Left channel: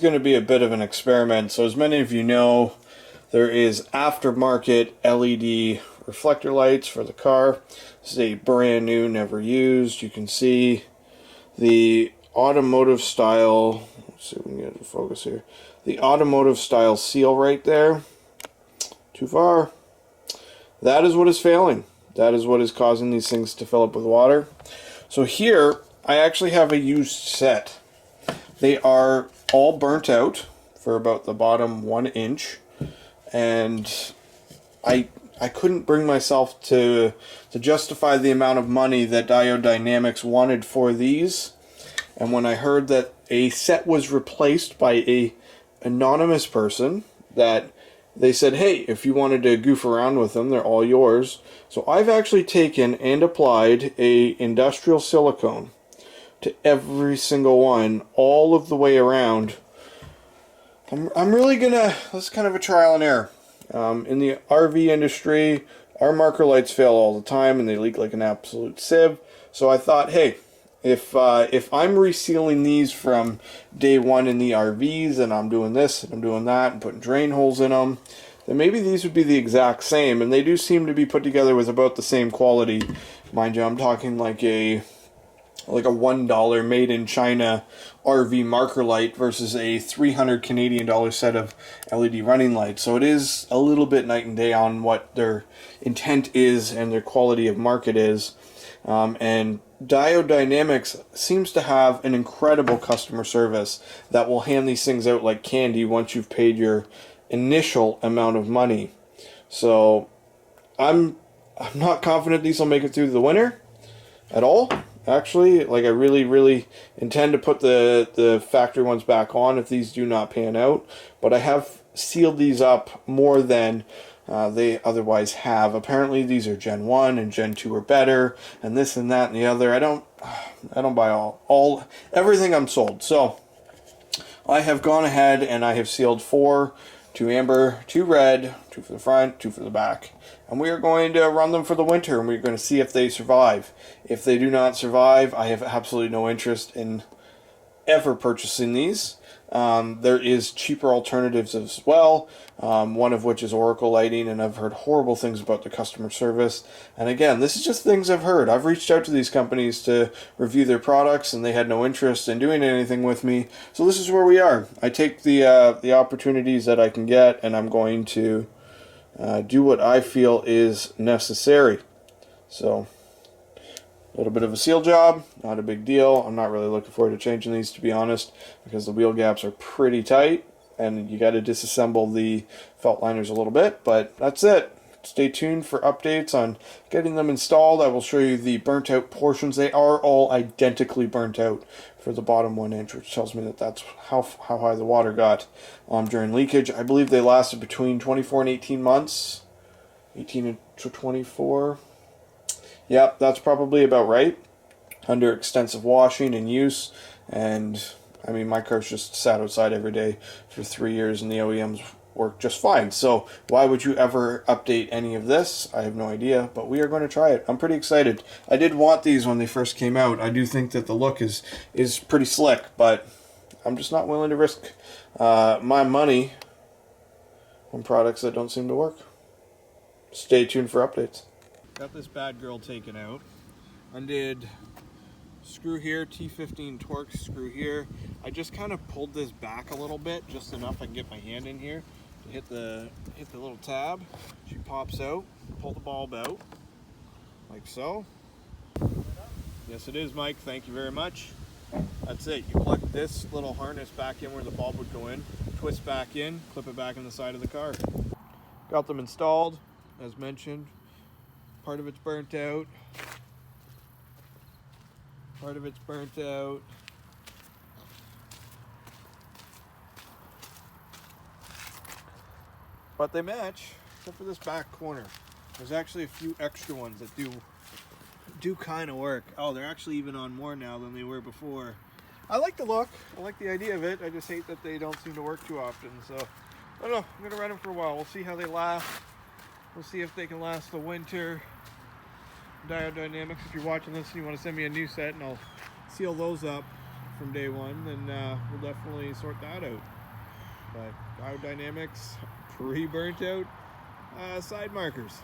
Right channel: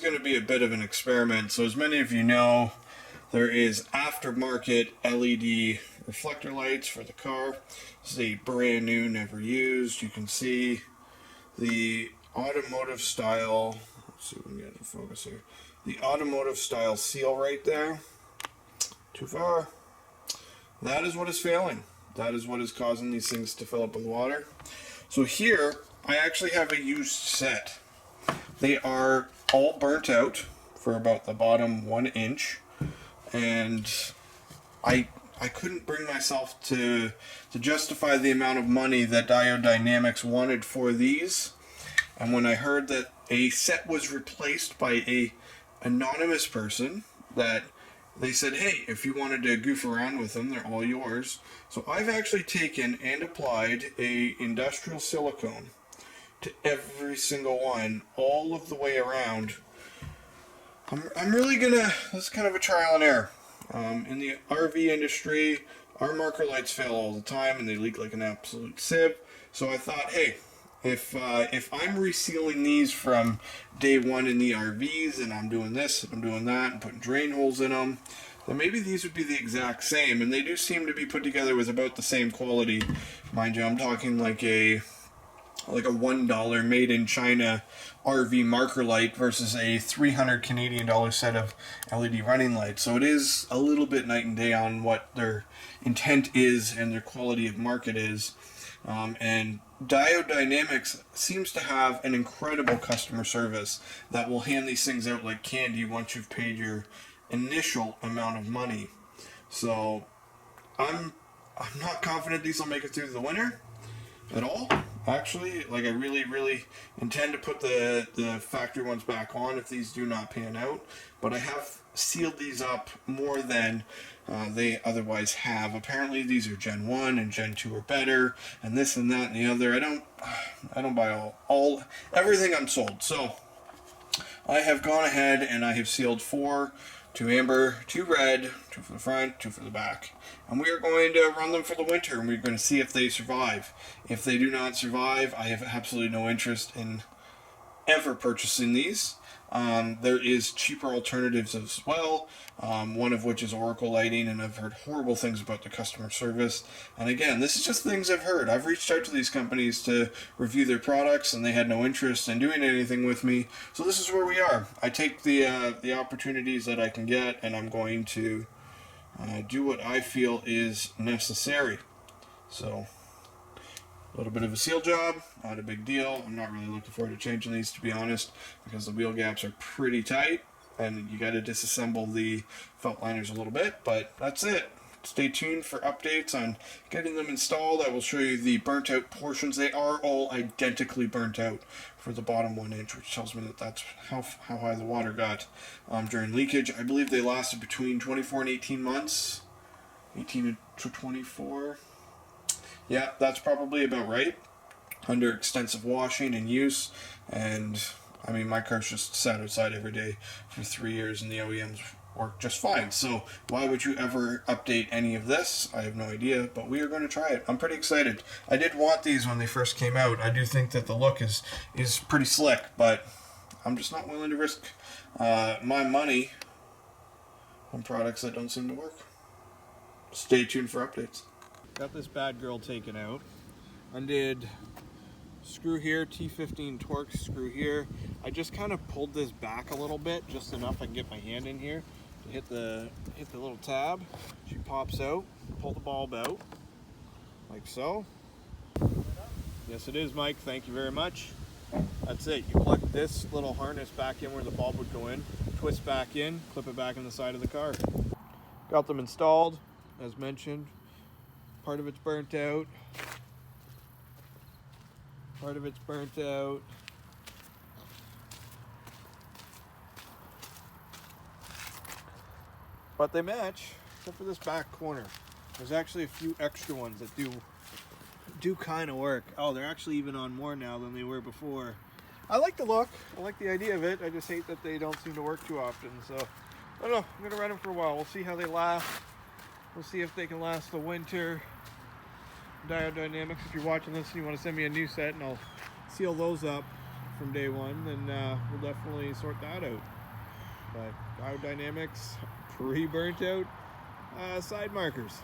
going to be a bit of an experiment. So as many of you know, there is aftermarket LED reflector lights for the car. This is a brand new, never used. You can see the automotive style, let's see if we can get it to focus here. The automotive style seal right there. Too far. That is what is failing. That is what is causing these things to fill up with water. So here, I actually have a used set. They are all burnt out for about the bottom 1 inch. And I couldn't bring myself to justify the amount of money that Diode Dynamics wanted for these. And when I heard that a set was replaced by a anonymous person, that they said, hey, if you wanted to goof around with them, they're all yours. So I've actually taken and applied a industrial silicone to every single one, all of the way around. I'm really gonna, this is kind of a trial and error. In the RV industry, our marker lights fail all the time and they leak like an absolute sieve. So I thought, hey, if I'm resealing these from day one in the RVs and I'm doing this and I'm doing that and putting drain holes in them, then maybe these would be the exact same. And they do seem to be put together with about the same quality. Mind you, I'm talking like a $1 made in China RV marker light versus a 300 Canadian dollar set of LED running lights. So it is a little bit night and day on what their intent is and their quality of market is. And Diode Dynamics seems to have an incredible customer service that will hand these things out like candy once you've paid your initial amount of money. So I'm not confident these will make it through the winter at all. Actually, like I really intend to put the factory ones back on if these do not pan out. But I have sealed these up more than they otherwise have. Apparently these are Gen 1 and Gen 2 are better, and this and that and the other. I don't buy everything I'm sold. So I have gone ahead and I have sealed 4, 2 amber, 2 red, 2 for the front, 2 for the back. And we are going to run them for the winter, and we're going to see if they survive. If they do not survive, I have absolutely no interest in ever purchasing these. There is cheaper alternatives as well, one of which is Oracle Lighting, and I've heard horrible things about the customer service. And again, this is just things I've heard. I've reached out to these companies to review their products, and they had no interest in doing anything with me. So this is where we are. I take the opportunities that I can get, and I'm going to do what I feel is necessary. So a little bit of a seal job, not a big deal. I'm not really looking forward to changing these, to be honest, because the wheel gaps are pretty tight and you got to disassemble the felt liners a little bit, but that's it. Stay tuned for updates on getting them installed. I will show you the burnt out portions. They are all identically burnt out for the bottom 1 inch, which tells me that that's how high the water got during leakage. I believe they lasted between 24 and 18 months. 18 to 24. Yeah, that's probably about right. Under extensive washing and use. And I mean, my car's just sat outside every day for 3 years and the OEMs work just fine. So why would you ever update any of this? I have no idea, but we are going to try it. I'm pretty excited. I did want these when they first came out. I do think that the look is pretty slick, but I'm just not willing to risk my money on products that don't seem to work. Stay tuned for updates. Got this bad girl taken out. Undid screw here, T15 Torx screw here. I just kind of pulled this back a little bit, just enough I can get my hand in here to hit the little tab. She pops out. Pull the bulb out like so. Yes, it is, Mike. Thank you very much. That's it. You plug this little harness back in where the bulb would go in, twist back in, clip it back in the side of the car. Got them installed, as mentioned. Part of it's burnt out. Part of it's burnt out. But they match, except for this back corner. There's actually a few extra ones that do kind of work. Oh, they're actually even on more now than they were before. I like the look. I like the idea of it. I just hate that they don't seem to work too often. So, I don't know. I'm going to run them for a while. We'll see how they last. We'll see if they can last the winter. Diode Dynamics, if you're watching this and you want to send me a new set, and I'll seal those up from day one, then we'll definitely sort that out. But biodynamics, pre-burnt out side markers.